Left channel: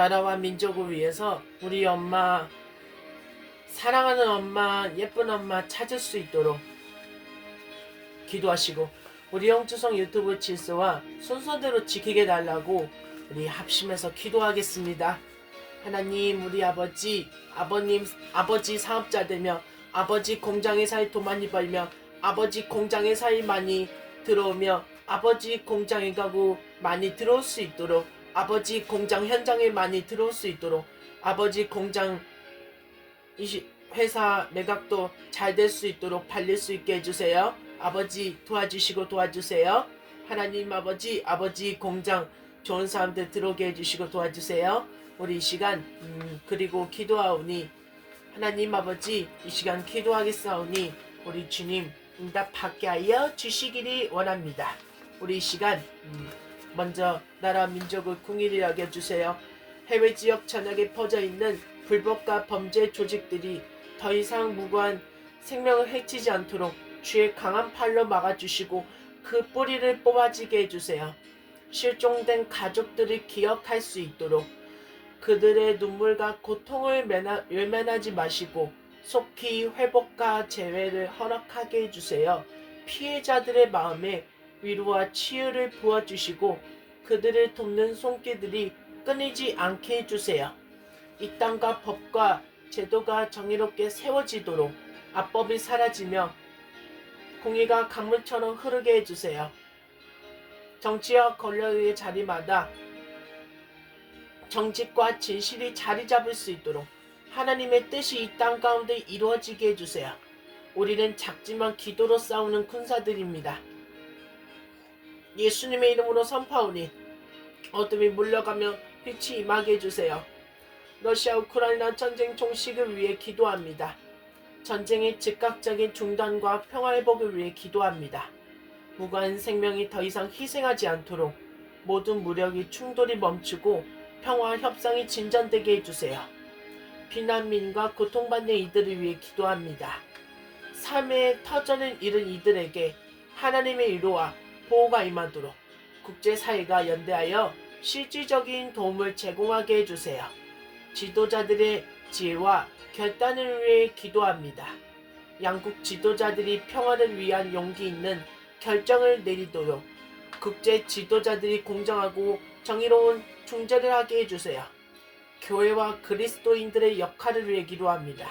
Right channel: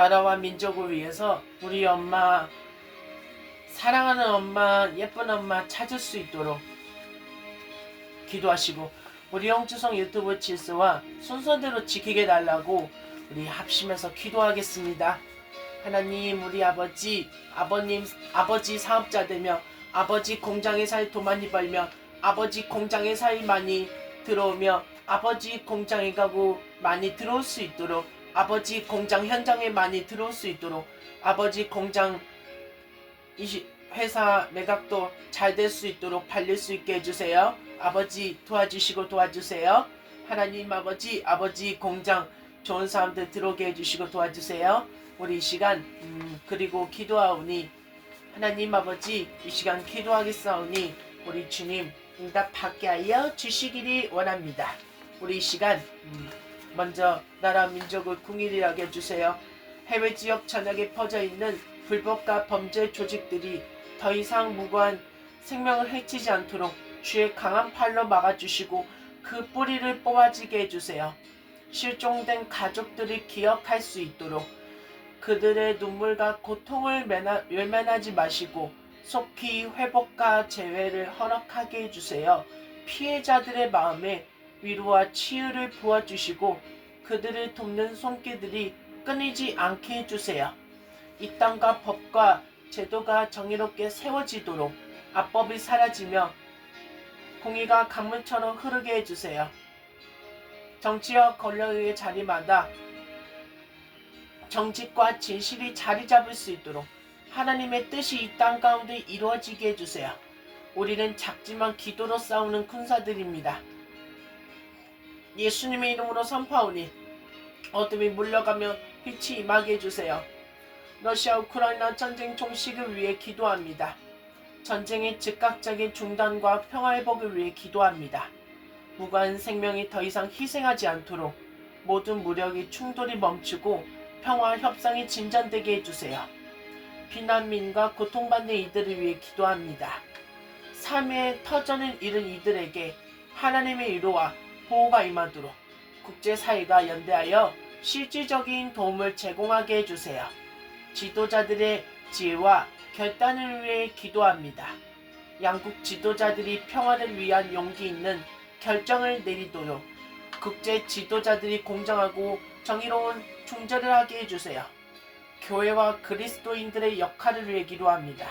나라와 민족을 위해서 우리 엄마, 사랑하는 엄마, 예쁜 엄마 찾을 수 있도록 기도하시고, 우리 영주성 유튜브 질서와 순서대로 지키게 달라고 우리 합심해서 기도하겠습니다. 하나님, 우리 아버지 사업자 되며 아버지 공장의 사이 돈 많이 벌며 아버지 공장의 사이 많이 들어오며 아버지 공장에 가고 많이 들어올 수 있도록, 아버지 공장 현장에 많이 들어올 수 있도록, 아버지 공장 회사 매각도 잘 될 수 있도록 팔릴 수 있게 해주세요. 아버지 도와주세요. 하나님 아버지 공장 좋은 사람들 들어오게 해주시고 도와주세요. 우리 이 시간 그리고 기도하오니, 하나님 아버지 이 시간 기도하겠사오니 우리 주님 응답하게 하여 주시기를 원합니다. 우리 이 시간 먼저 나라 민족을 궁일이 여겨주세요. 해외 지역 전역에 퍼져있는 불법과 범죄 조직들이 더 이상 무고한 생명을 해치지 않도록 주의 강한 팔로 막아주시고 그 뿌리를 뽑아지게 해주세요. 실종된 가족들을 기억할 수 있도록 그들의 눈물과 고통을 외면하지 마시고 속히 회복과 재회를 허락하게 해주세요. 피해자들의 마음에 위로와 치유를 부어주시고 그들을 돕는 손길들이 끊이지 않게 해주세요. 이 땅과 법과 제도가 정의롭게 세워지도록 압법이 사라지며 공의가 강물처럼 흐르게 해주세요. 정치와 권력의 자리마다 정직과 진실이 자리 잡을 수 있도록 하나님의 뜻이 이 땅 가운데 이루어지게 해주세요. 우리는 작지만 기도로 싸우는 군사들입니다. 예수님의 이름으로 선포하오니 어둠이 물러가며 빛이 임하게 해주세요. 러시아 우크라이나 전쟁 종식을 위해 기도합니다. 전쟁의 즉각적인 중단과 평화회복을 위해 기도합니다. 무고한 생명이 더 이상 희생하지 않도록 모든 무력이 충돌이 멈추고 평화 협상이 진전되게 해주세요. 비난민과 고통받는 이들을 위해 기도합니다. 삶의 터전을 잃은 이들에게 하나님의 위로와 보호가 임하도록 국제사회가 연대하여 실질적인 도움을 제공하게 해주세요. 지도자들의 지혜와 결단을 위해 기도합니다. 양국 지도자들이 평화를 위한 용기 있는 결정을 내리도록 국제 지도자들이 공정하고 정의로운 중재를 하게 해주세요. 교회와 그리스도인들의 역할을 위해 기도합니다.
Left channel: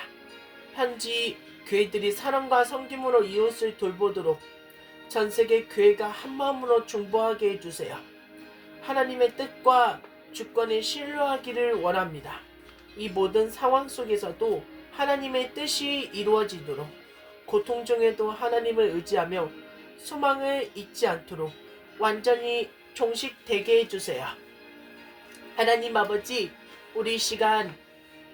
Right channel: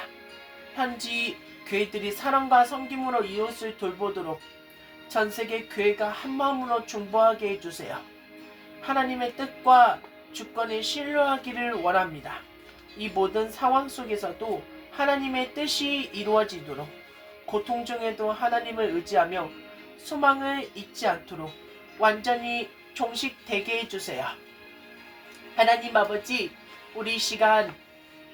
현지 교회들이 사랑과 섬김으로 이웃을 돌보도록 전세계 교회가 한마음으로 중보하게 해주세요. 하나님의 뜻과 주권을 신뢰하기를 원합니다. 이 모든 상황 속에서도 하나님의 뜻이 이루어지도록, 고통 중에도 하나님을 의지하며 소망을 잊지 않도록 완전히 종식되게 해주세요. 하나님 아버지, 우리 시간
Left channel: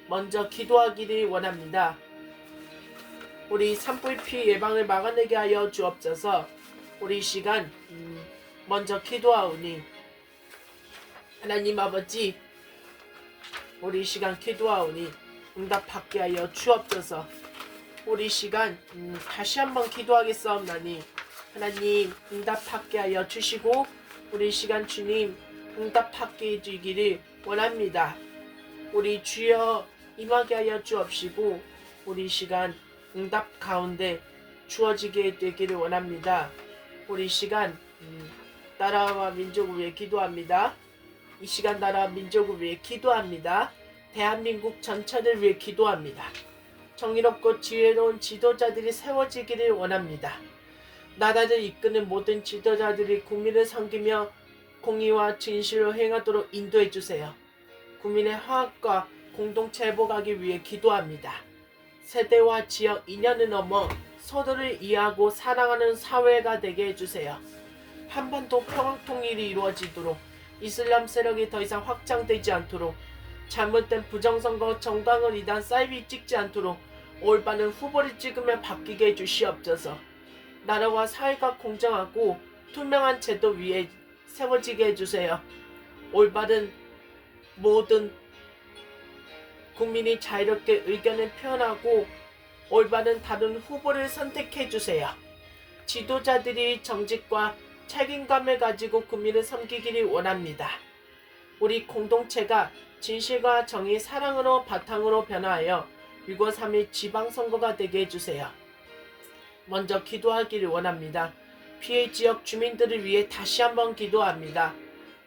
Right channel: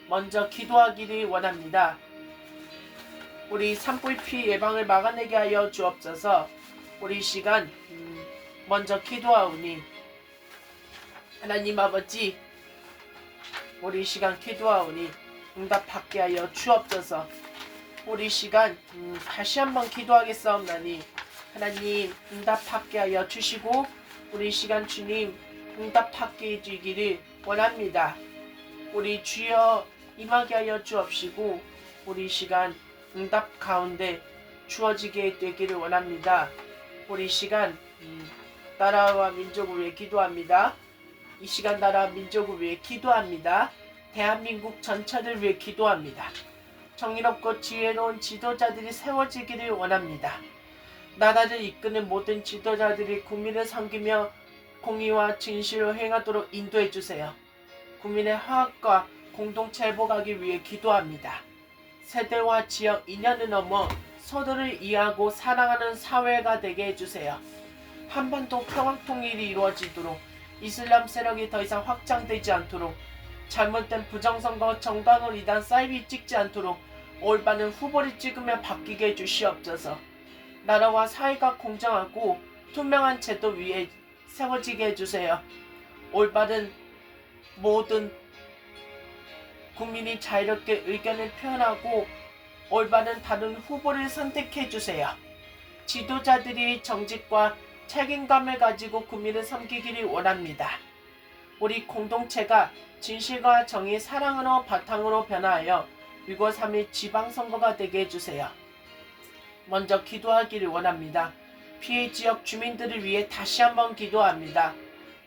먼저 기도하기를 원합니다. 우리 산불 피해 예방을 막아내게 하여 주옵소서. 우리 시간 먼저 기도하오니, 하나님 아버지, 우리 시간 기도하오니 응답받게 하여 주옵소서. 우리 시간 다시 한번 기도하겠사옵나니 하나님 응답받게 하여 주시고 우리 시간 주님 응답받게 해주기를 원합니다. 우리 주여 임하게 하여 주옵시고 우리 시간 응답 가운데 주어지게 되기를 원합니다. 우리 시간 나라와 민족을 위해 기도합니다. 이 시간 나라 민족을 위해 기도합니다. 대한민국 전체를 위해 기도합니다. 정의롭고 지혜로운 지도자들이 세워지기를 원합니다. 나라를 이끄는 모든 지도자들이 국민을 섬기며 공의와 진실로 행하도록 인도해 주세요. 국민의 화합과 공동체 회복하기 위해 기도합니다. 세대와 지역 인연을 넘어 서로를 이해하고 사랑하는 사회가 되게 해주세요. 한반도 평화 통일이 이루어지도록 이슬람 세력이 더 이상 확장되지 않도록 잘못된 부정선거 정당을 이단 사이비 찍지 않도록 올바른 후보를 찍으며 바뀌게 해주시옵소서. 나라와 사회가 공정하고 투명한 제도 위에 세워지게 해주세요. 올바른 모든 국민이 자유롭게 의견을 표현하고 올바른 다른 후보를 선택해 주세요. 지도자들이 정직과 책임감을 가지고 국민을 섬기기를 원합니다. 우리 공동체가 진실과 정의, 사랑으로 바탕으로 변화하여 6.3일 지방선거가 되게 해주세요. 먼저 기도하기를 원합니다. 피해 지역 주민들을 위해 다시 한번 기도합니다.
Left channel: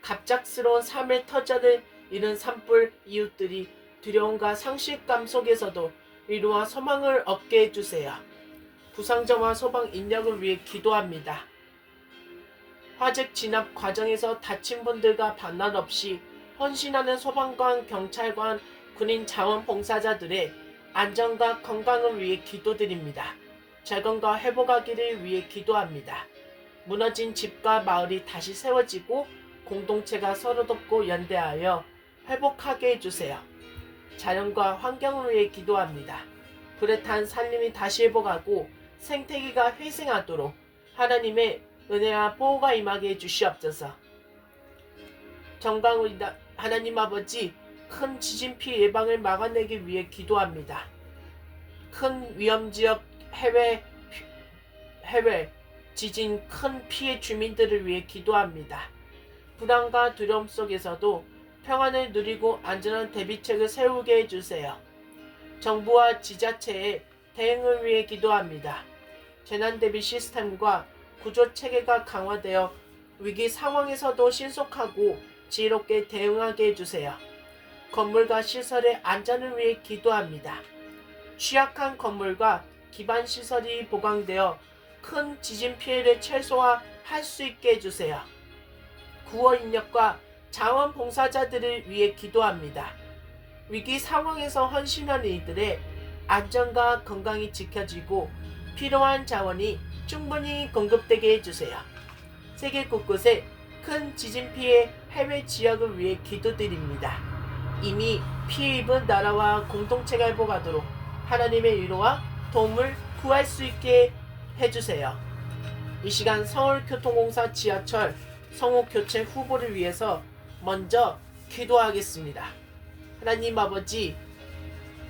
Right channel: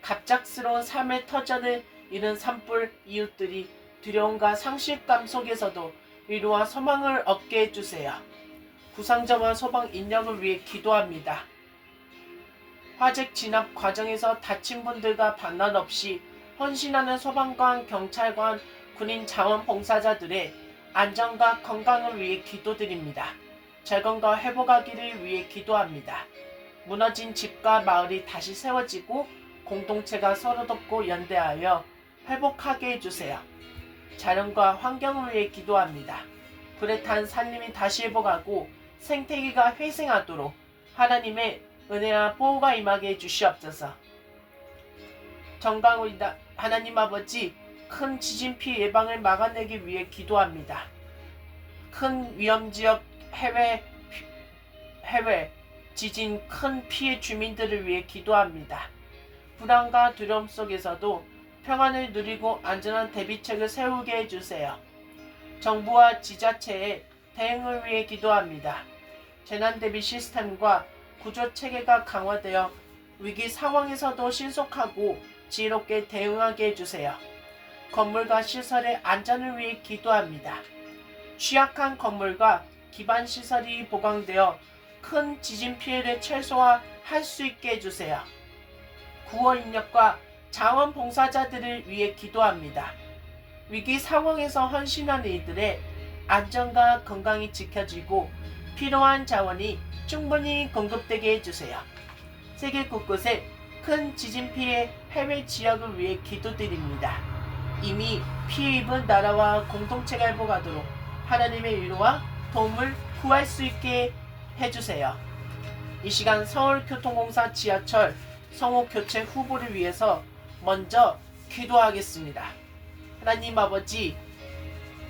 갑작스러운 삶의 터전을 잃은 산불 이웃들이 두려움과 상실감 속에서도 위로와 소망을 얻게 해주세요. 부상자와 소방 인력을 위해 기도합니다. 화재 진압 과정에서 다친 분들과 반란 없이 헌신하는 소방관, 경찰관, 군인 자원봉사자들의 안전과 건강을 위해 기도드립니다. 재건과 회복하기를 위해 기도합니다. 무너진 집과 마을이 다시 세워지고 공동체가 서로 돕고 연대하여 회복하게 해주세요. 자연과 환경을 위해 기도합니다. 불에 탄 산림이 다시 회복하고 생태계가 회생하도록 하나님의 은혜와 보호가 임하게 해주시옵소서. 정강의다 하나님 아버지, 큰 지진 피해 예방을 막아내기 위해 기도합니다. 큰 위험지역 해외 지진 큰 피해 주민들을 위해 기도합니다. 불안과 두려움 속에서도 평안을 누리고 안전한 대비책을 세우게 해주세요. 정부와 지자체의 대응을 위해 기도합니다. 재난대비 시스템과 구조체계가 강화되어 위기 상황에서도 신속하고 지혜롭게 대응하게 해주세요. 건물과 시설의 안전을 위해 기도합니다. 취약한 건물과 기반 시설이 보강되어 큰 지진 피해를 최소화할 수 있게 해주세요. 구호 인력과 자원봉사자들을 위해 기도합니다. 위기 상황에서 헌신하는 이들의 안전과 건강이 지켜지고 필요한 자원이 충분히 공급되게 해주세요. 세계 곳곳에 큰 지진 피해 해외 지역을 위해 기도드립니다. 이미 피해 입은 나라와 공동체가 회복하도록 하나님의 위로와 도움을 구할 수 있게 해주세요. 이 시간 서울교통공사 지하철 성호 교체 후보를 위해서 먼저 기도하겠습니다. 하나님 아버지,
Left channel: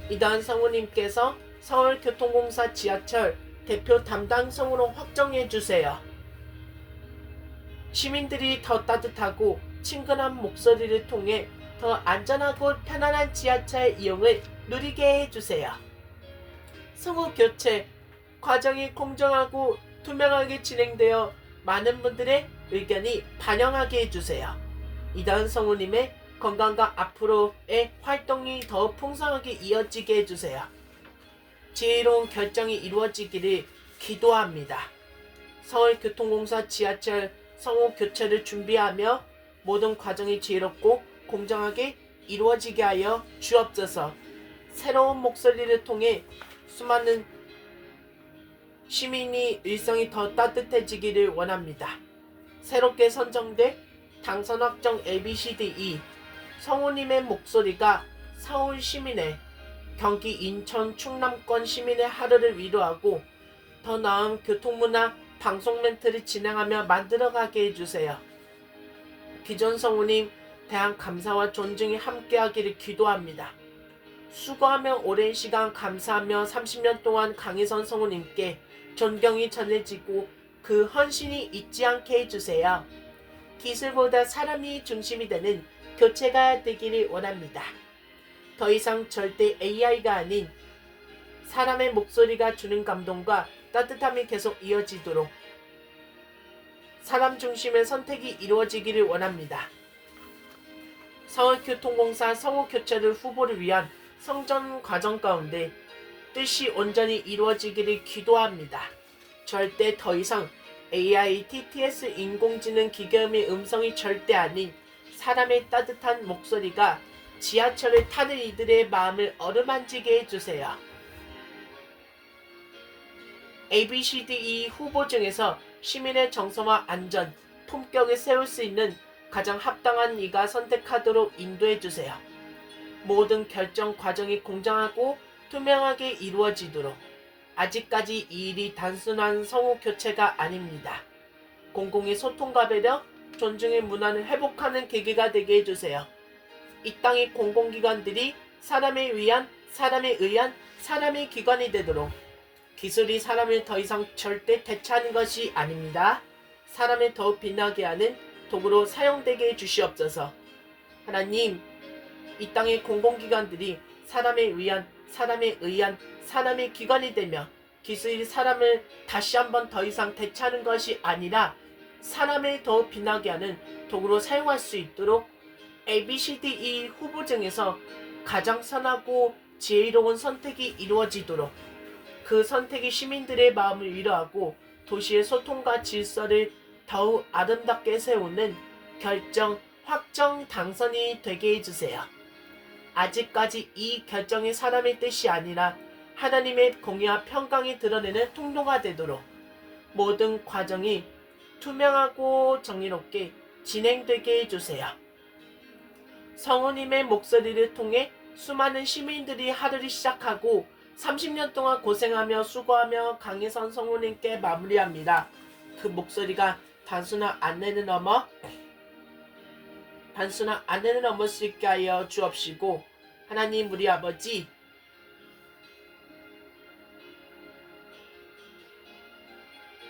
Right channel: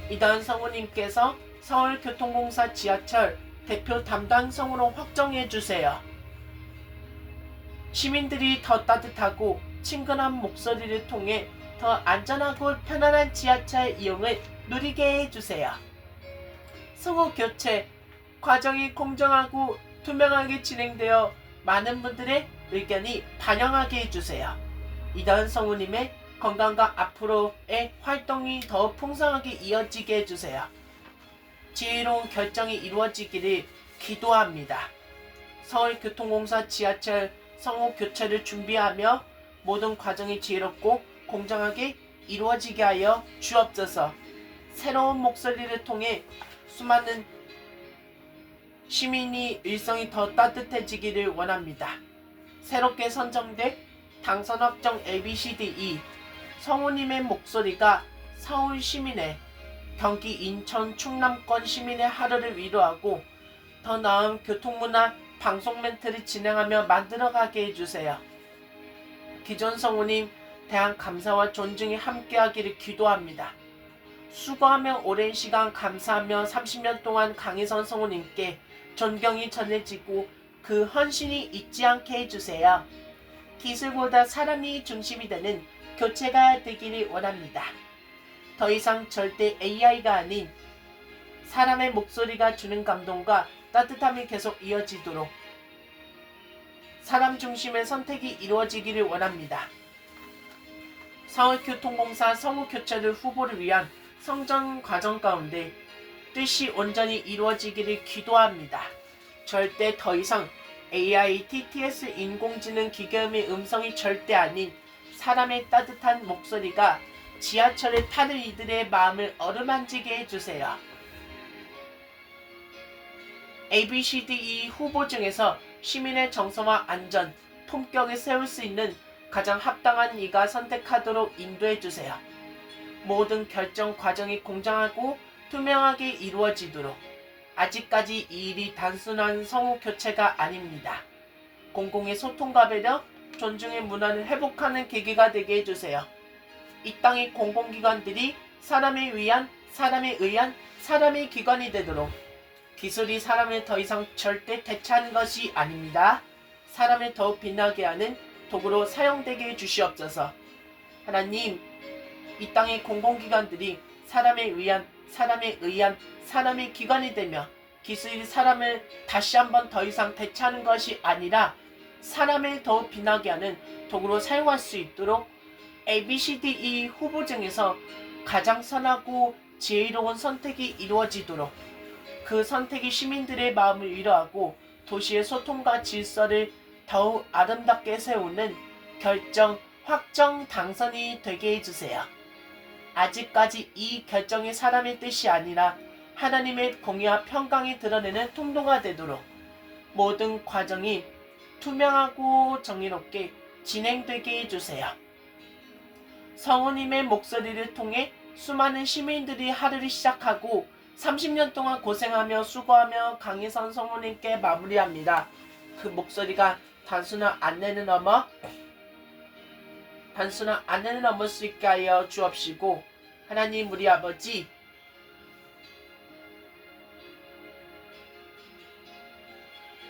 이단 성우님께서 서울교통공사 지하철 대표 담당 성우로 확정해 주세요. 시민들이 더 따뜻하고 친근한 목소리를 통해 더 안전하고 편안한 지하철 이용을 누리게 해주세요. 성우 교체 과정이 공정하고 투명하게 진행되어 많은 분들의 의견이 반영하게 해주세요. 이다은 성우님의 건강과 앞으로의 활동이 더 풍성하게 이어지게 해주세요. 지혜로운 결정이 이루어지기를 기도합니다. 서울교통공사 지하철 성호 교체를 준비하며 모든 과정이 지혜롭고 공정하게 이루어지게 하여 주옵소서. 새로운 목소리를 통해 수많은 시민이 일성이 더 따뜻해지기를 원합니다. 새롭게 선정된 당선 확정 ABCDE 성우님의 목소리가 서울 시민의, 경기 인천 충남권 시민의 하루를 위로하고 더 나은 교통문화 방송 멘트를 진행하며 만들어가게 해주세요. 기존 성우님 대한 감사와 존중이 함께하기를 기도합니다. 수고하며 오랜 시간 감사하며 30년 동안 강희선 성우님께 존경이 전해지고 그 헌신이 잊지 않게 해주세요. 기술보다 사람이 중심이 되는 교체가 되기를 원합니다. 더 이상 절대 AI가 아닌 사람의 목소리가 주는 감동과 따뜻함이 계속 이어지도록 사람 중심의 선택이 이루어지기를 원합니다. 서울교통공사 성우교체를 후보를 위한 성장 과정 가운데 뜻이 온전히 이루어지기를 기도합니다. 절대 더 이상 AI, TTS, 인공지능 기계음의 음성이 절대 아닌 사람의 따뜻한 목소리가 지하철을 타는 이들의 마음을 어루만지게 해주세요. ABCDE 후보 중에서 시민의 정서와 안전, 품격을 세울 수 있는 가장 합당한 이가 선택하도록 인도해주세요. 모든 결정 과정이 공정하고 투명하게 이루어지도록. 아직까지 이 일이 단순한 성우 교체가 아닙니다. 공공의 소통과 배려, 존중의 문화를 회복하는 계기가 되게 해주세요. 이 땅의 공공기관들이 사람에 의한, 사람에 의한, 사람의 기관이 되도록. 기술이 사람을 더 이상 절대 대체하는 것이 아닙니다. 사람을 더욱 빛나게 하는 도구로 사용되게 해주시옵소서. 하나님, 이 땅의 공공기관들이 사람에 의한 사람의 기관이 되며 기술이 사람을 다시 한번 더 이상 대체하는 것이 아니라 사람을 더 빛나게 하는 도구로 사용할 수 있도록 ABCDE 후보 중에서 가장 선하고 지혜로운 선택이 이루어지도록 그 선택이 시민들의 마음을 위로하고 도시의 소통과 질서를 더욱 아름답게 세우는 결정, 확정, 당선이 되게 해주세요. 아직까지 이 결정이 사람의 뜻이 아니라 하나님의 공의와 평강이 드러내는 통로가 되도록 모든 과정이 투명하고 정의롭게 진행되게 해주세요. 성우님의 목소리를 통해 수많은 시민들이 하루를 시작하고 30년 동안 고생하며 수고하며 강해선 성우님께 마무리합니다. 그 목소리가 단순한 안내는 넘을 수 있게 하여 주옵시고 하나님 우리 아버지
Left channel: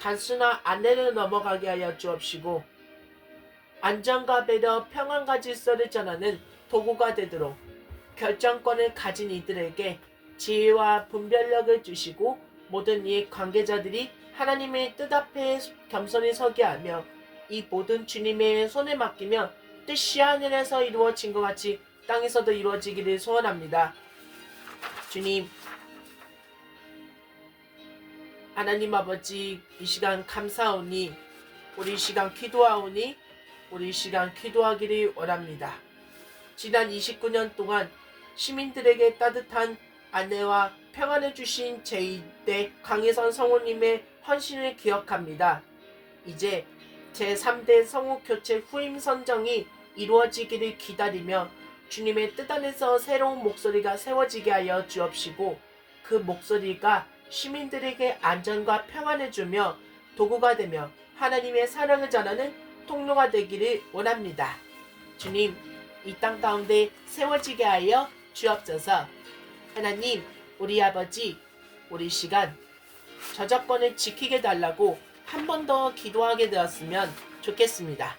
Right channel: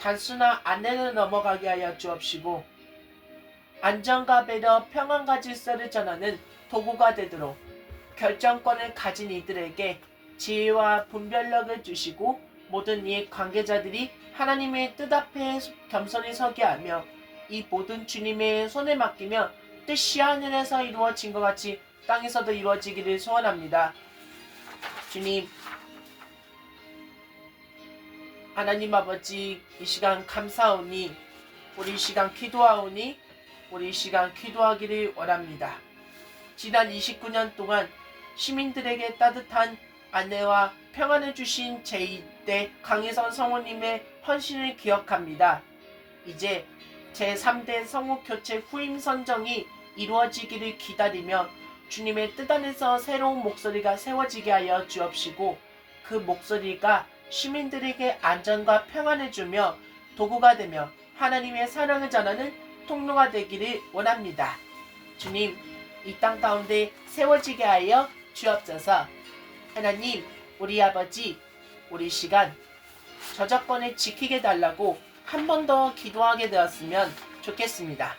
단순한 안내는 넘어가게 하여 주옵시고 안전과 배려, 평안과 질서를 전하는 도구가 되도록 결정권을 가진 이들에게 지혜와 분별력을 주시고 모든 이 관계자들이 하나님의 뜻 앞에 겸손히 서게 하며 이 모든 주님의 손에 맡기며 뜻이 하늘에서 이루어진 것 같이 땅에서도 이루어지기를 소원합니다. 주님, 하나님 아버지 이 시간 감사하오니 우리 이 시간 기도하기를 원합니다. 지난 29년 동안 시민들에게 따뜻한 안내와 평안을 주신 제2대 강혜선 성우님의 헌신을 기억합니다. 이제 제3대 성우 교체 후임 선정이 이루어지기를 기다리며 주님의 뜻 안에서 새로운 목소리가 세워지게 하여 주옵시고 그 목소리가 시민들에게 안전과 평안을 주며 도구가 되며 하나님의 사랑을 전하는 통로가 되기를 원합니다. 주님, 이 땅 가운데 세워지게 하여 주옵소서. 하나님, 우리 아버지, 우리 시간 저작권을 지키게 달라고 한 번 더 기도하게 되었으면 좋겠습니다.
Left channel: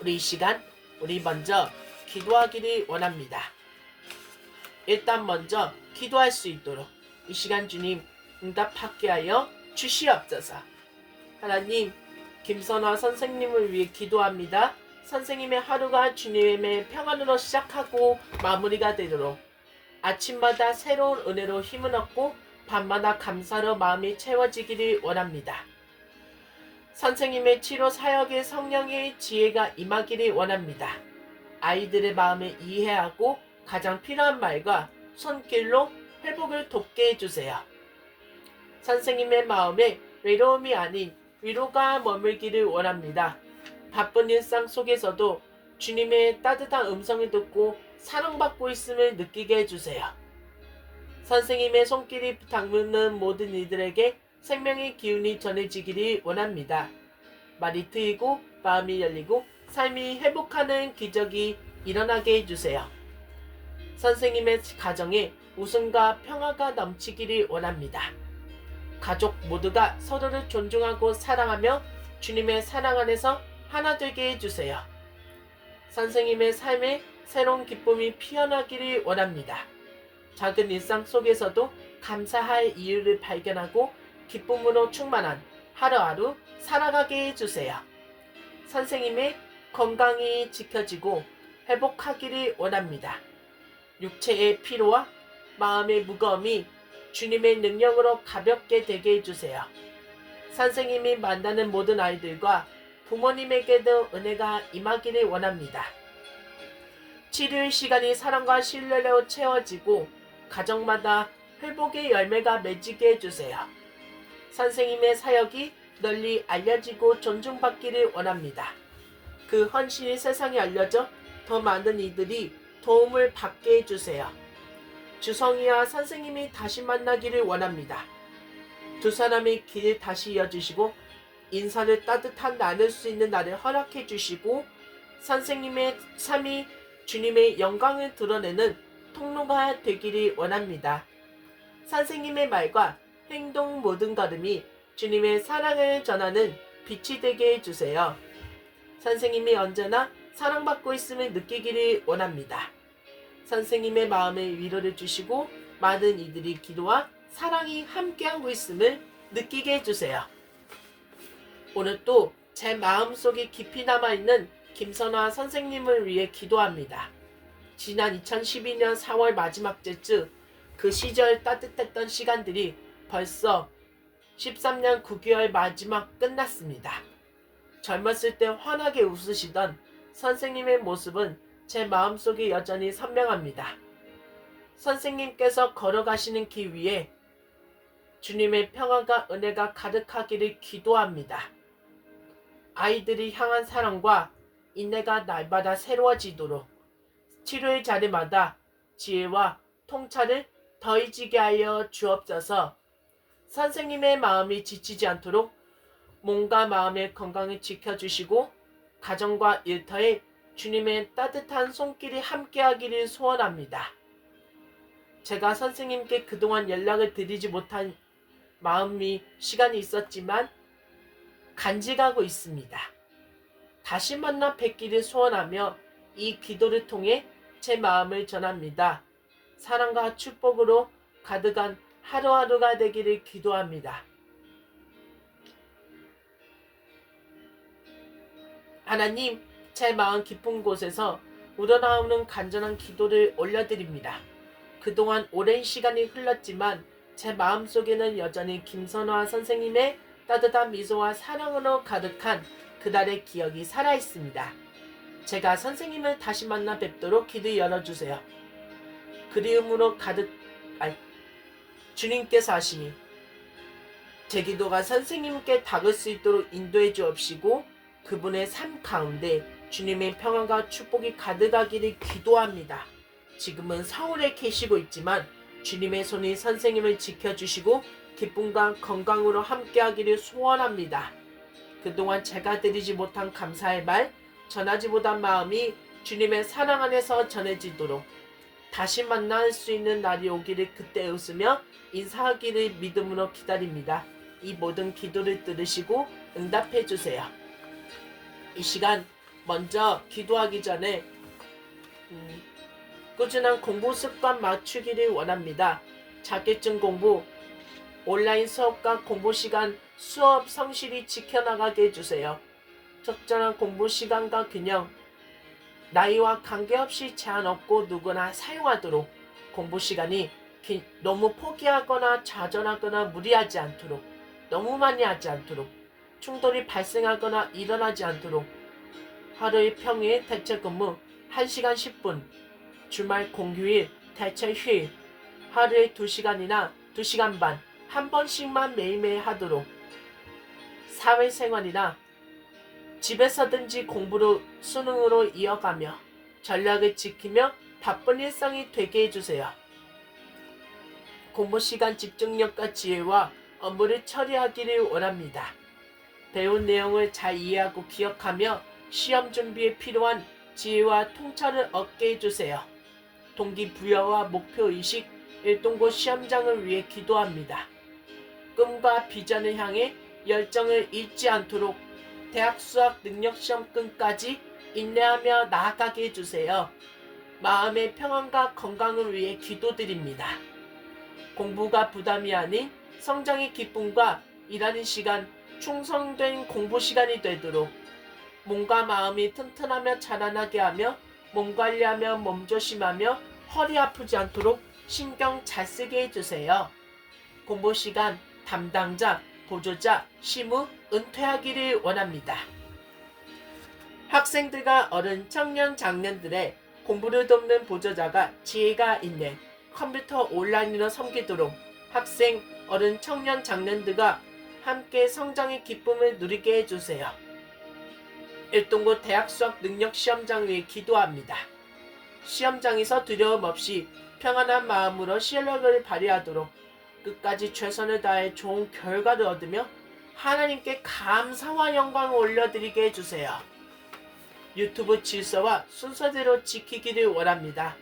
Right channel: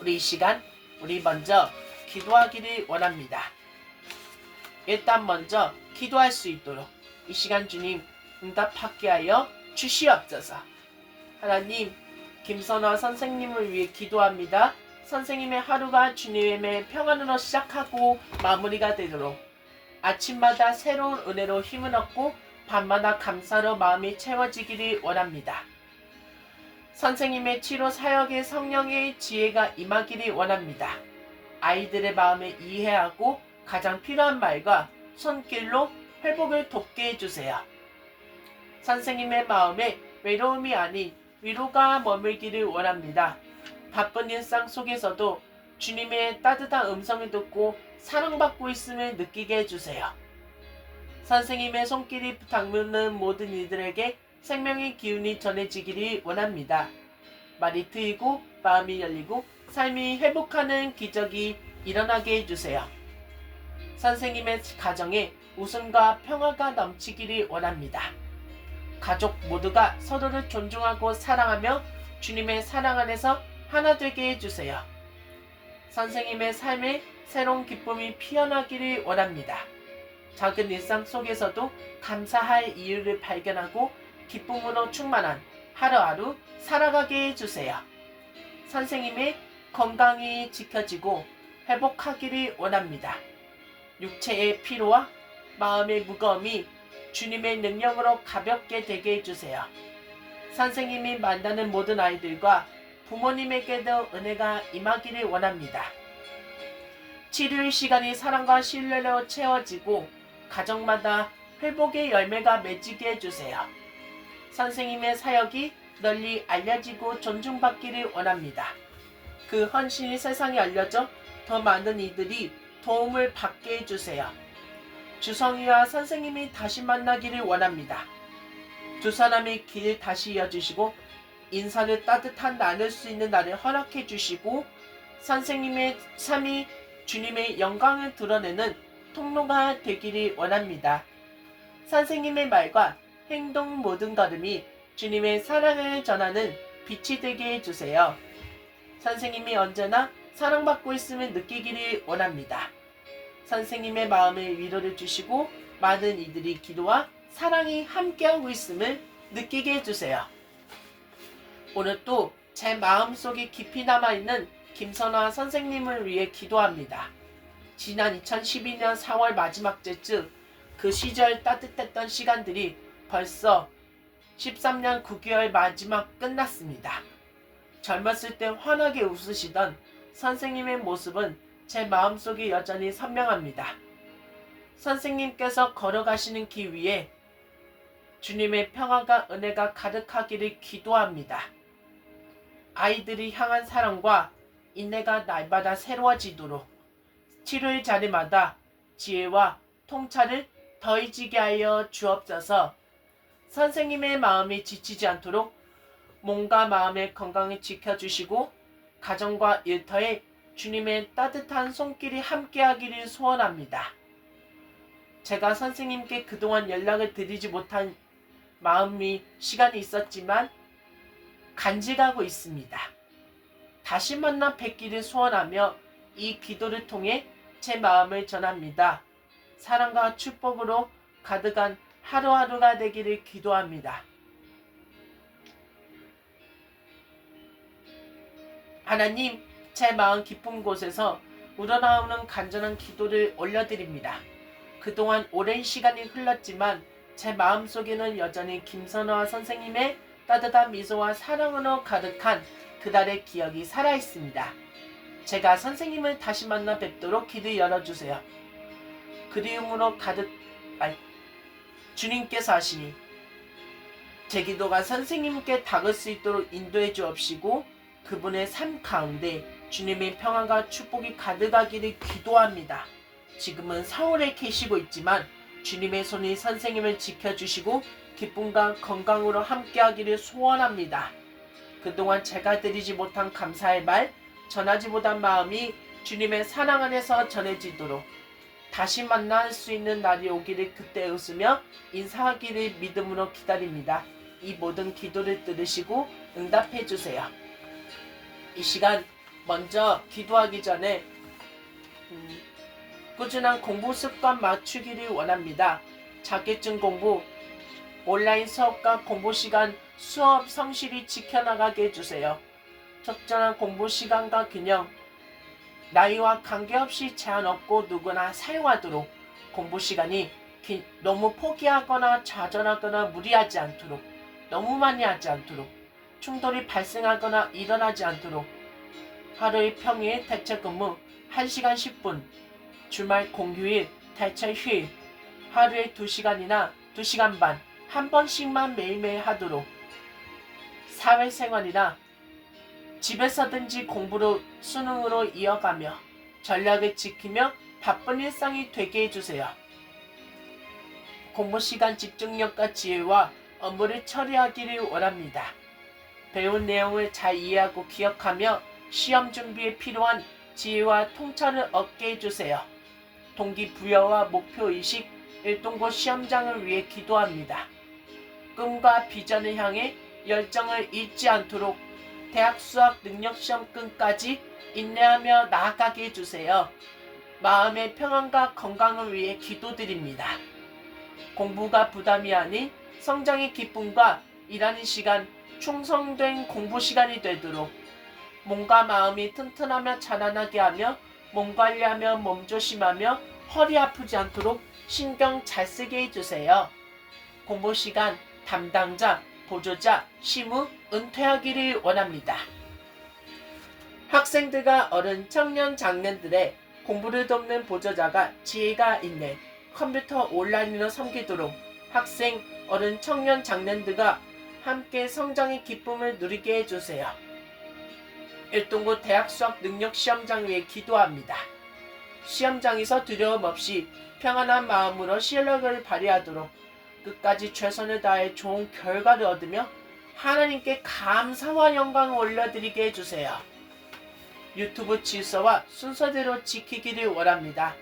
우리 이 시간 우리 먼저 기도하기를 원합니다. 일단 먼저 기도할 수 있도록 이 시간 주님 응답하게 하여 주시옵소서. 하나님, 김선화 선생님을 위해 기도합니다. 선생님의 하루가 주님의 평안으로 시작하고 마무리가 되도록 아침마다 새로운 은혜로 힘을 얻고 밤마다 감사로 마음이 채워지기를 원합니다. 선생님의 치료 사역에 성령의 지혜가 임하기를 원합니다. 아이들의 마음을 이해하고 가장 필요한 말과 손길로 회복을 돕게 해주세요. 선생님의 마음에 외로움이 아닌 위로가 머물기를 원합니다. 바쁜 일상 속에서도 주님의 따뜻한 음성을 듣고 사랑받고 있음을 느끼게 해주세요. 선생님의 손길이 닿는 모든 이들에게 생명의 기운이 전해지기를 원합니다. 말이 트이고 마음이 열리고 삶이 회복하는 기적이 일어나게 해주세요. 선생님의 가정에 웃음과 평화가 넘치기를 원합니다. 가족 모두가 서로를 존중하고 사랑하며 주님의 사랑 안에서 하나 되게 해주세요. 선생님의 삶에 새로운 기쁨이 피어나기를 원합니다. 작은 일상 속에서도 감사할 이유를 발견하고 기쁨으로 충만한 하루하루 살아가게 해주세요. 선생님의 건강이 지켜지고 회복하기를 원합니다. 육체의 피로와 마음의 무거움이 주님의 능력으로 가볍게 되게 해주세요. 선생님이 만나는 모든 아이들과 부모님에게도 은혜가 임하기를 원합니다. 치료의 시간이 사랑과 신뢰로 채워지고 가정마다 회복의 열매가 맺히게 해주세요. 선생님의 사역이 널리 알려지고 존중받기를 원합니다. 그 헌신이 세상에 알려져 더 많은 이들이 도움을 받게 해주세요. 주성이와 선생님이 다시 만나기를 원합니다. 두 사람의 길을 다시 이어주시고 인사를 따뜻한 나눌 수 있는 날을 허락해 주시고 선생님의 삶이 주님의 영광을 드러내는 통로가 되기를 원합니다. 선생님의 말과 행동 모든 걸음이 주님의 사랑을 전하는 빛이 되게 해주세요. 선생님이 언제나 사랑받고 있음을 느끼기를 원합니다. 선생님의 마음에 위로를 주시고 많은 이들이 기도와 사랑이 함께하고 있음을 느끼게 해주세요. 오늘 또 제 마음속에 깊이 남아있는 김선화 선생님을 위해 기도합니다. 지난 2012년 4월 마지막 주쯤 그 시절 따뜻했던 시간들이 벌써 13년 9개월 마지막 끝났습니다. 젊었을 때 환하게 웃으시던 선생님의 모습은 제 마음속에 여전히 선명합니다. 선생님께서 걸어가시는 길 위에 주님의 평안과 은혜가 가득하기를 기도합니다. 아이들이 향한 사랑과 인내가 날마다 새로워지도록 치료의 자리마다 지혜와 통찰을 더해지게 하여 주옵소서. 선생님의 마음이 지치지 않도록 몸과 마음의 건강을 지켜주시고 가정과 일터에 주님의 따뜻한 손길이 함께하기를 소원합니다. 제가 선생님께 그동안 연락을 드리지 못한 마음이 시간이 있었지만 간직하고 있습니다. 다시 만나 뵙기를 소원하며 이 기도를 통해 제 마음을 전합니다. 사랑과 축복으로 가득한 하루하루가 되기를 기도합니다. 하나님, 제 마음 깊은 곳에서 우러나오는 간절한 기도를 올려드립니다. 그동안 오랜 시간이 흘렀지만 제 마음속에는 여전히 김선화 선생님의 따뜻한 미소와 사랑으로 가득한 그날의 기억이 살아있습니다. 제가 선생님을 다시 만나 뵙도록 기도 열어주세요. 그리움으로 주님께서 하시니 제 기도가 선생님께 닿을 수 있도록 인도해 주옵시고 그분의 삶 가운데 주님의 평안과 축복이 가득하기를 기도합니다. 지금은 서울에 계시고 있지만 주님의 손이 선생님을 지켜주시고 기쁨과 건강으로 함께하기를 소원합니다. 그동안 제가 드리지 못한 감사의 말, 전하지 못한 마음이 주님의 사랑 안에서 전해지도록 다시 만날 수 있는 날이 오기를 그때 웃으며 인사하기를 믿음으로 기다립니다. 이 모든 기도를 들으시고 응답해 주세요. 이 시간 먼저 기도하기 전에 꾸준한 공부 습관 맞추기를 원합니다. 자격증 공부, 온라인 수업과 공부 시간, 수업 성실히 지켜나가게 해주세요. 적절한 공부 시간과 균형, 나이와 관계없이 제한 없고 누구나 사용하도록 공부 시간이 너무 포기하거나 좌절하거나 무리하지 않도록 너무 많이 하지 않도록 충돌이 발생하거나 일어나지 않도록 하루의 평일 대체 근무 1시간 10분, 주말 공휴일 대체 휴일 하루에 2시간이나 2시간 반 한 번씩만 매일매일 하도록 사회생활이나 집에서든지 공부로 수능으로 이어가며 전략을 지키며 바쁜 일상이 되게 해주세요. 공부 시간 집중력과 지혜와 업무를 처리하기를 원합니다. 배운 내용을 잘 이해하고 기억하며 시험 준비에 필요한 지혜와 통찰을 얻게 해주세요. 동기부여와 목표의식, 일동고 시험장을 위해 기도합니다. 꿈과 비전을 향해 열정을 잃지 않도록 대학 수학 능력시험끝까지 인내하며 나아가게 해주세요. 마음의 평안과 건강을 위해 기도드립니다. 공부가 부담이 아닌 성장의 기쁨과 일하는 시간, 충성된 공부 시간이 되도록 몸과 마음이 튼튼하며 자라나게 하며 몸 관리하며 몸조심하며 허리 아프지 않도록 신경 잘 쓰게 해주세요. 공부 시간 담당자, 보조자, 시무, 은퇴하기를 원합니다. 학생들과 어른, 청년, 장년들의 공부를 돕는 보조자가 지혜가 있는 컴퓨터 온라인으로 섬기도록 학생, 어른, 청년, 장년들과 함께 성장의 기쁨을 누리게 해주세요. 일동고 대학 수학 능력 시험장 위에 기도합니다. 시험장에서 두려움 없이 평안한 마음으로 실력을 발휘하도록 끝까지 최선을 다해 좋은 결과를 얻으며 하나님께 감사와 영광을 올려드리게 해주세요. 유튜브 질서와 순서대로 지키기를 원합니다.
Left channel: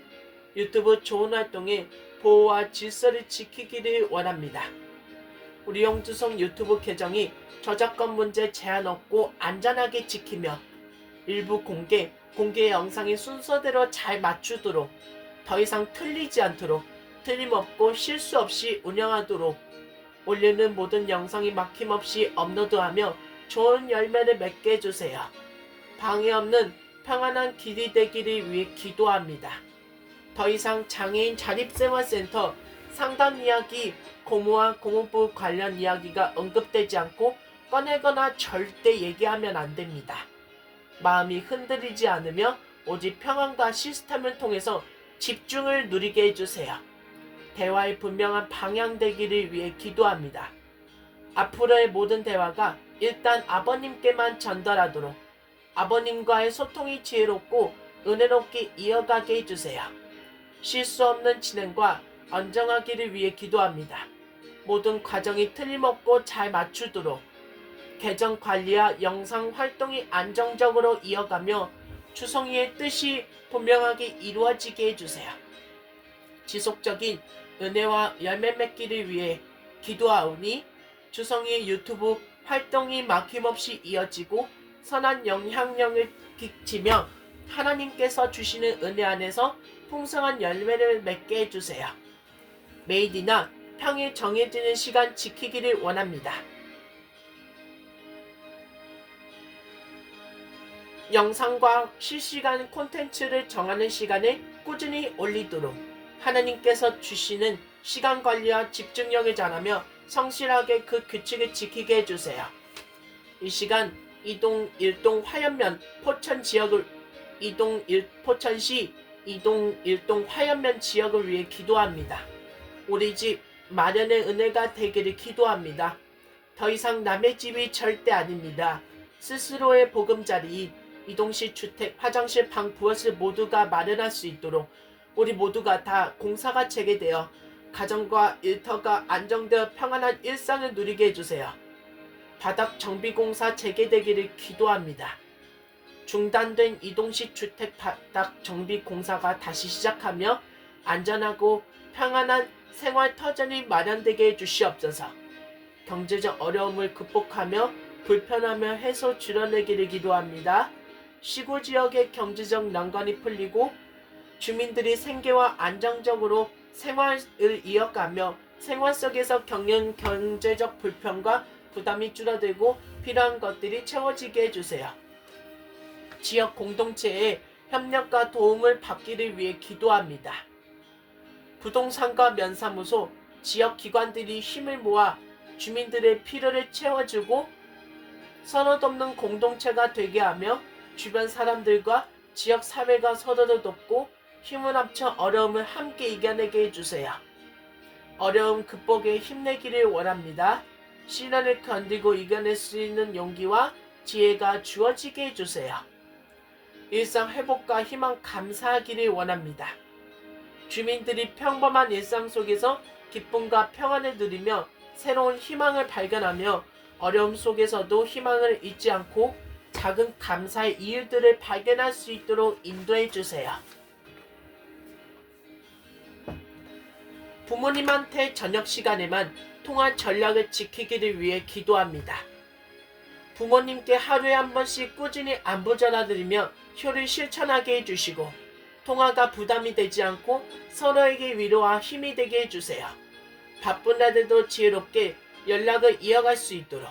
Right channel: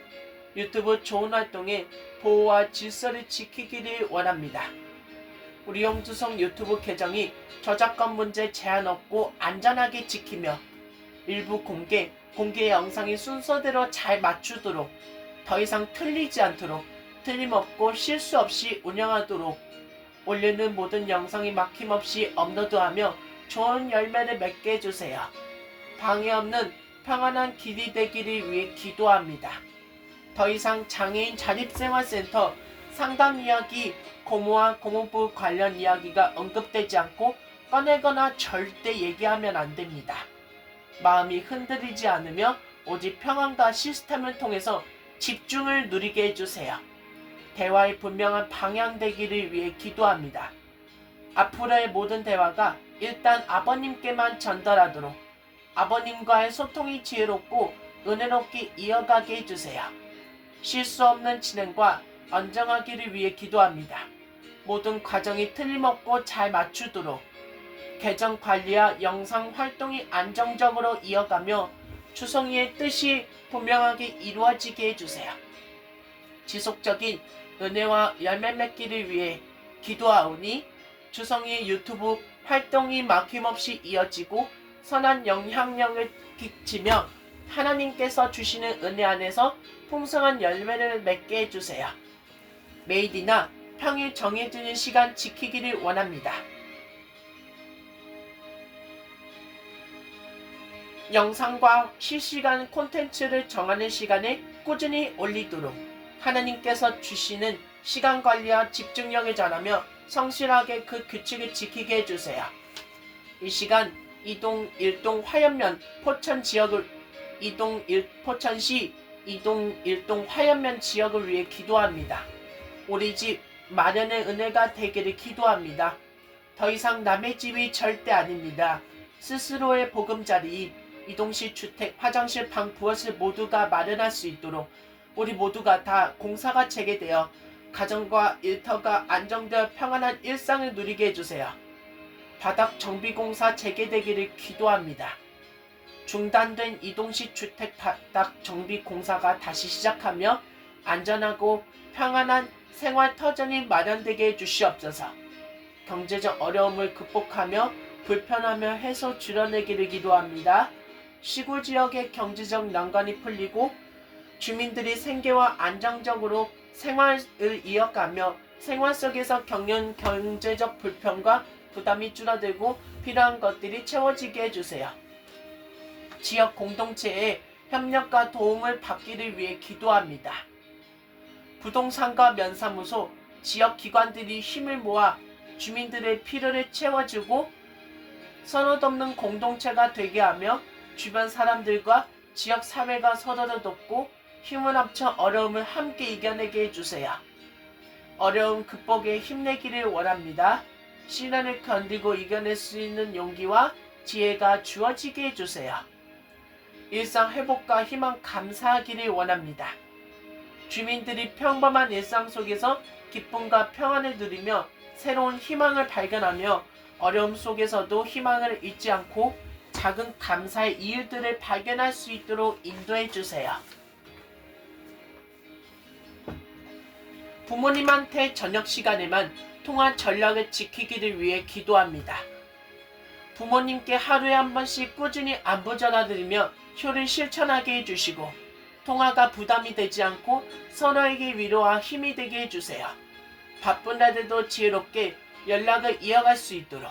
유튜브 좋은 활동에 보호와 질서를 지키기를 원합니다. 우리 영주성 유튜브 계정이 저작권 문제 제한 없고 안전하게 지키며 일부 공개 영상이 순서대로 잘 맞추도록 더 이상 틀리지 않도록 틀림없고 실수 없이 운영하도록 올리는 모든 영상이 막힘없이 업로드하며 좋은 열매를 맺게 해주세요. 방해 없는 평안한 길이 되기를 위해 기도합니다. 더 이상 장애인 자립생활센터 상담 이야기, 고모와 고모부 관련 이야기가 언급되지 않고 꺼내거나 절대 얘기하면 안 됩니다. 마음이 흔들리지 않으며 오직 평안과 시스템을 통해서 집중을 누리게 해주세요. 대화의 분명한 방향되기를 위해 기도합니다. 앞으로의 모든 대화가 일단 아버님께만 전달하도록 아버님과의 소통이 지혜롭고 은혜롭게 이어가게 해주세요. 실수 없는 진행과 안정하기를 위해 기도합니다. 모든 과정이 틀림없고 잘 맞추도록 계정 관리와 영상 활동이 안정적으로 이어가며 주성이의 뜻이 분명하게 이루어지게 해주세요. 지속적인 은혜와 열매 맺기를 위해 기도하오니 주성이의 유튜브 활동이 막힘없이 이어지고 선한 영향력을 끼치며 하나님께서 주시는 은혜 안에서 풍성한 열매를 맺게 해주세요. 매일이나 평일 정해지는 시간 지키기를 원합니다. 영상과 실시간 콘텐츠를 정하는 시간에 꾸준히 올리도록 하나님께서 주시는 시간 관리와 집중력을 전하며 성실하게 그 규칙을 지키게 해주세요. 이 시간 이동 일동 화연면 포천 지역을 포천시 이동 일동 화연면 지역을 위해 기도합니다. 우리 집 마련의 은혜가 되기를 기도합니다. 더 이상 남의 집이 절대 아닙니다. 스스로의 보금자리인 이동식 주택 화장실 방 부엌을 모두가 마련할 수 있도록 우리 모두가 다 공사가 재개되어 가정과 일터가 안정되어 평안한 일상을 누리게 해주세요. 바닥 정비공사 재개되기를 기도합니다. 중단된 이동식 주택 바닥 정비공사가 다시 시작하며 안전하고 평안한 생활 터전이 마련되게 해주시옵소서. 경제적 어려움을 극복하며 불편함을 해소 줄여내기를 기도합니다. 시골 지역의 경제적 난관이 풀리고 주민들이 생계와 안정적으로 생활을 이어가며 생활 속에서 겪는 경제적 불편과 부담이 줄어들고 필요한 것들이 채워지게 해주세요. 지역 공동체의 협력과 도움을 받기를 위해 기도합니다. 부동산과 면사무소, 지역 기관들이 힘을 모아 주민들의 필요를 채워주고 선호덮는 공동체가 되게 하며 주변 사람들과 지역 사회가 서로를 돕고 힘을 합쳐 어려움을 함께 이겨내게 해주세요. 어려움 극복에 힘내기를 원합니다. 시련을 견디고 이겨낼 수 있는 용기와 지혜가 주어지게 해주세요. 일상 회복과 희망 감사하기를 원합니다. 주민들이 평범한 일상 속에서 기쁨과 평안을 누리며 새로운 희망을 발견하며 어려움 속에서도 희망을 잊지 않고 작은 감사의 이유들을 발견할 수 있도록 인도해 주세요. 부모님한테 저녁 시간에만 통화 전략을 지키기를 위해 기도합니다. 부모님께 하루에 한 번씩 꾸준히 안부 전화드리며 효를 실천하게 해주시고 통화가 부담이 되지 않고 서로에게 위로와 힘이 되게 해주세요. 바쁜 날들도 지혜롭게 연락을 이어갈 수 있도록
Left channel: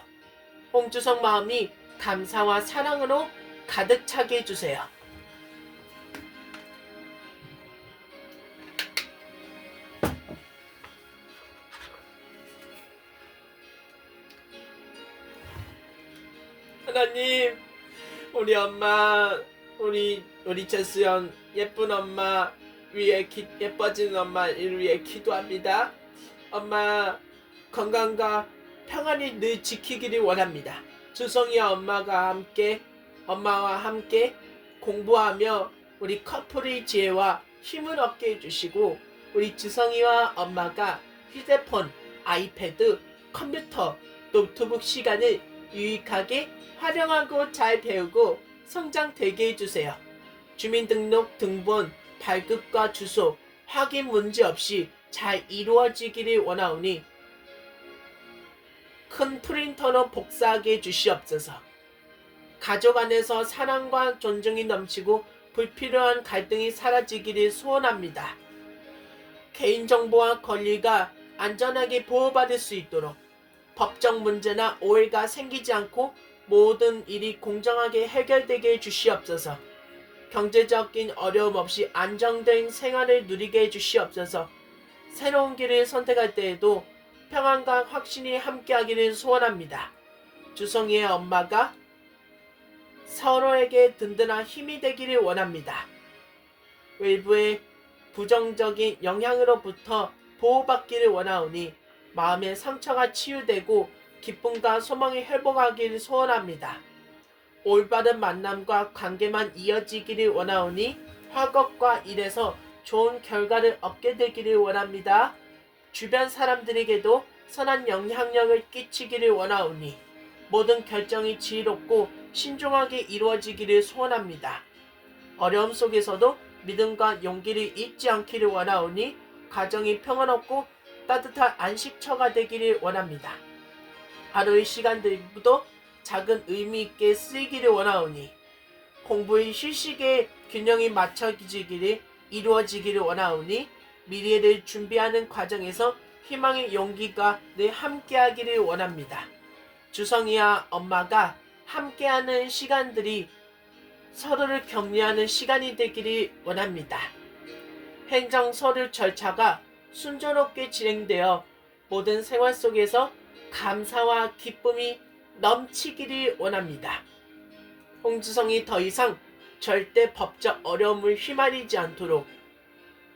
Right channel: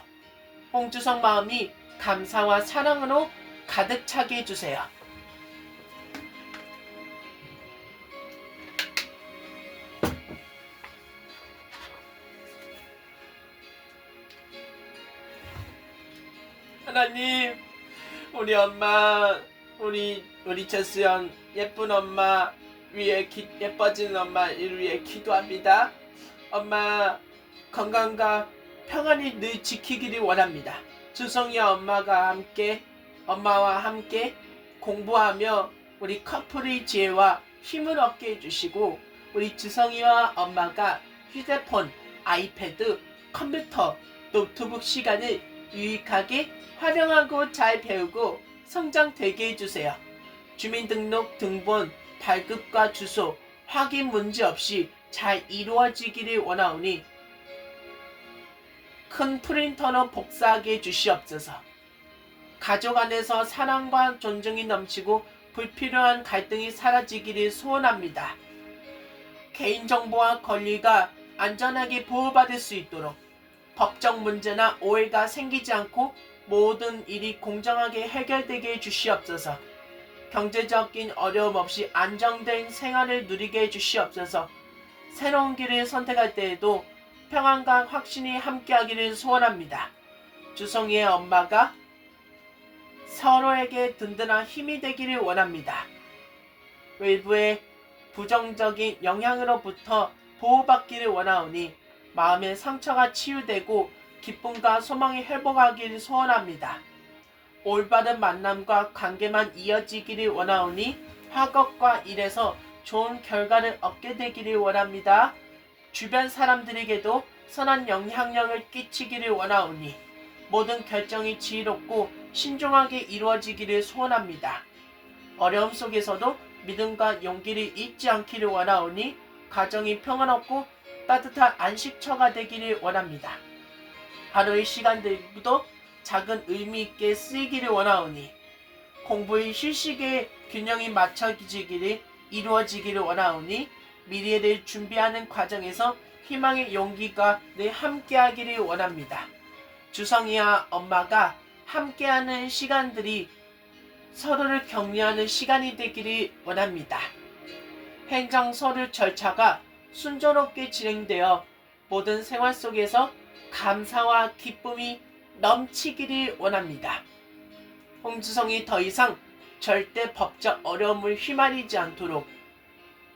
홍주성 마음이 감사와 사랑으로 가득 차게 해주세요. 하나님, 우리 엄마, 우리 재수연 예쁜 엄마 위에 예뻐진 엄마를 위해 기도합니다. 엄마 건강과 평안히 늘 지키기를 원합니다. 주성이와 엄마와 함께 공부하며 우리 커플의 지혜와 힘을 얻게 해주시고 우리 주성이와 엄마가 휴대폰, 아이패드, 컴퓨터, 노트북 시간을 유익하게 활용하고 잘 배우고 성장되게 해주세요. 주민등록 등본, 발급과 주소, 확인 문제 없이 잘 이루어지기를 원하오니 큰 프린터로 복사하게 해주시옵소서. 가족 안에서 사랑과 존중이 넘치고 불필요한 갈등이 사라지기를 소원합니다. 개인정보와 권리가 안전하게 보호받을 수 있도록 법적 문제나 오해가 생기지 않고 모든 일이 공정하게 해결되게 해주시옵소서. 경제적인 어려움 없이 안정된 생활을 누리게 해주시옵소서. 새로운 길을 선택할 때에도 평안과 확신이 함께하기를 소원합니다. 주성이의 엄마가 서로에게 든든한 힘이 되기를 원합니다. 외부의 부정적인 영향으로부터 보호받기를 원하오니 마음의 상처가 치유되고 기쁨과 소망이 회복하기를 소원합니다. 올바른 만남과 관계만 이어지기를 원하오니 학업과 일에서 좋은 결과를 얻게 되기를 원합니다. 주변 사람들에게도 선한 영향력을 끼치기를 원하오니 모든 결정이 지혜롭고 신중하게 이루어지기를 소원합니다. 어려움 속에서도 믿음과 용기를 잊지 않기를 원하오니 가정이 평안없고 따뜻한 안식처가 되기를 원합니다. 하루의 시간들도 작은 의미 있게 쓰이기를 원하오니 공부의 휴식의 균형이 맞춰지기를 이루어지기를 원하오니 미래를 준비하는 과정에서 희망의 용기가 늘 함께하기를 원합니다. 주성이와 엄마가 함께하는 시간들이 서로를 격려하는 시간이 되기를 원합니다. 행정 서류 절차가 순조롭게 진행되어 모든 생활 속에서 감사와 기쁨이 넘치기를 원합니다. 홍주성이 더 이상 절대 법적 어려움을 휘말리지 않도록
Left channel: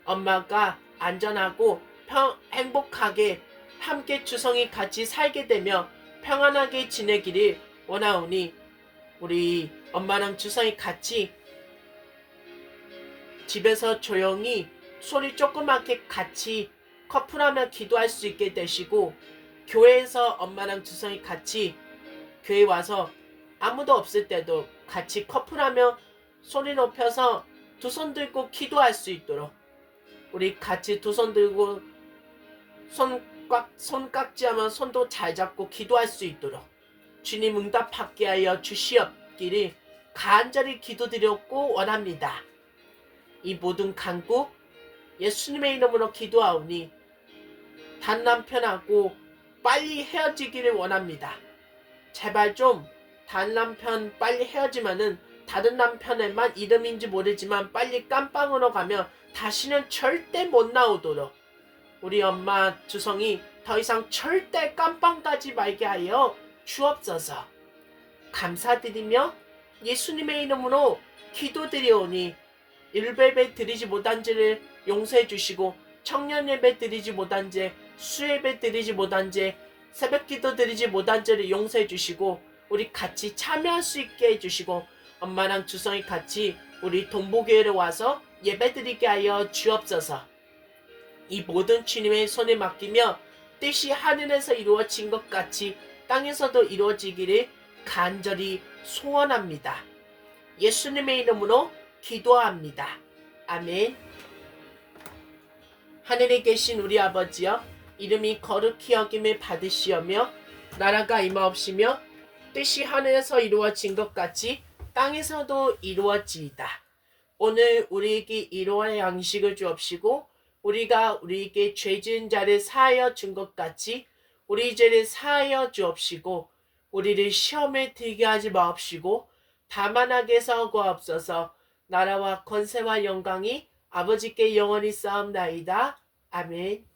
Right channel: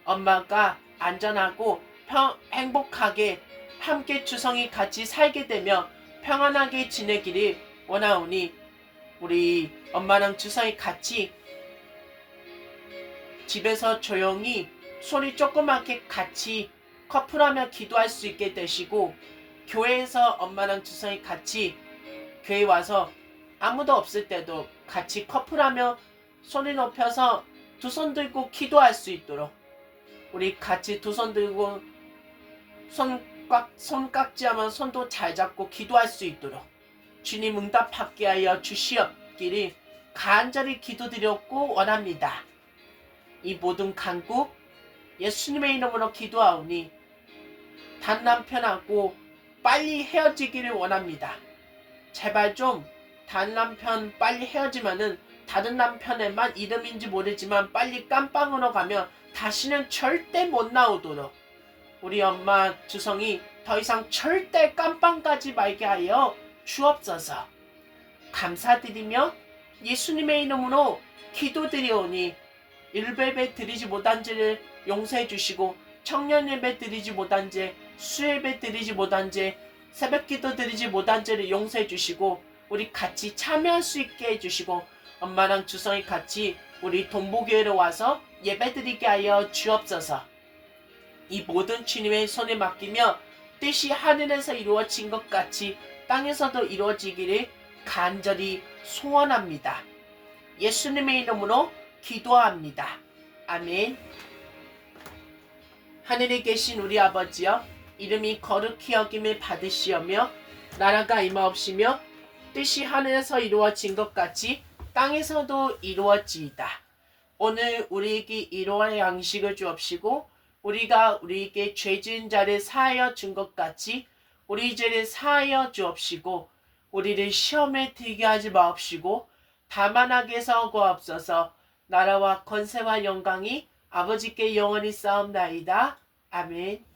엄마가 안전하고 행복하게 함께 주성이 같이 살게 되며 평안하게 지내기를 원하오니 우리 엄마랑 주성이 같이 집에서 조용히 소리 조그맣게 같이 커플하며 기도할 수 있게 되시고 교회에서 엄마랑 주성이 같이 교회 와서 아무도 없을 때도 같이 커플하며 소리 높여서 두 손 들고 기도할 수 있도록 우리 같이 두 손 들고 손깍지하면 손도 잘 잡고 기도할 수 있도록 주님 응답하게 하여 주시옵기를 간절히 기도드렸고 원합니다. 이 모든 간구 예수님의 이름으로 기도하오니 단 남편하고 빨리 헤어지기를 원합니다. 제발 좀 단 남편 빨리 헤어지면은 다른 남편에만 이름인지 모르지만 빨리 깜빵으로 가면 다시는 절대 못 나오도록 우리 엄마 주성이 더 이상 절대 깜빵 가지 말게 하여 주옵소서. 감사드리며 예수님의 이름으로 기도드리오니 일베베 드리지 못한 죄를 용서해 주시고 청년 예배 드리지 못한 죄, 수예배 드리지 못한 죄, 새벽기도 드리지 못한 죄를 용서해 주시고 우리 같이 참여할 수 있게 해주시고 엄마랑 주성이 같이 우리 동보교회로 와서 예배 드리게 하여 주옵소서. 이 모든 주님의 손에 맡기며 뜻이 하늘에서 이루어진 것 같이 땅에서도 이루어지기를 간절히 소원합니다. 예수님의 이름으로 기도합니다. 아멘. 하늘에 계신 우리 아버지여, 이름이 거룩히 여김을 받으시오며 나라가 임하옵시며 뜻이 하늘에서 이루어진 것 같이 땅에서도 이루어지이다. 오늘 우리에게 일용할 양식을 주옵시고 우리가 우리에게 죄 지은 자를 사하여 준 것 같이 우리 죄를 사하여 주옵시고 우리를 시험에 들게 하지 마옵시고 다만 악에서 구하옵소서. 나라와 권세와 영광이 아버지께 영원히 쌓옵나이다. 아멘.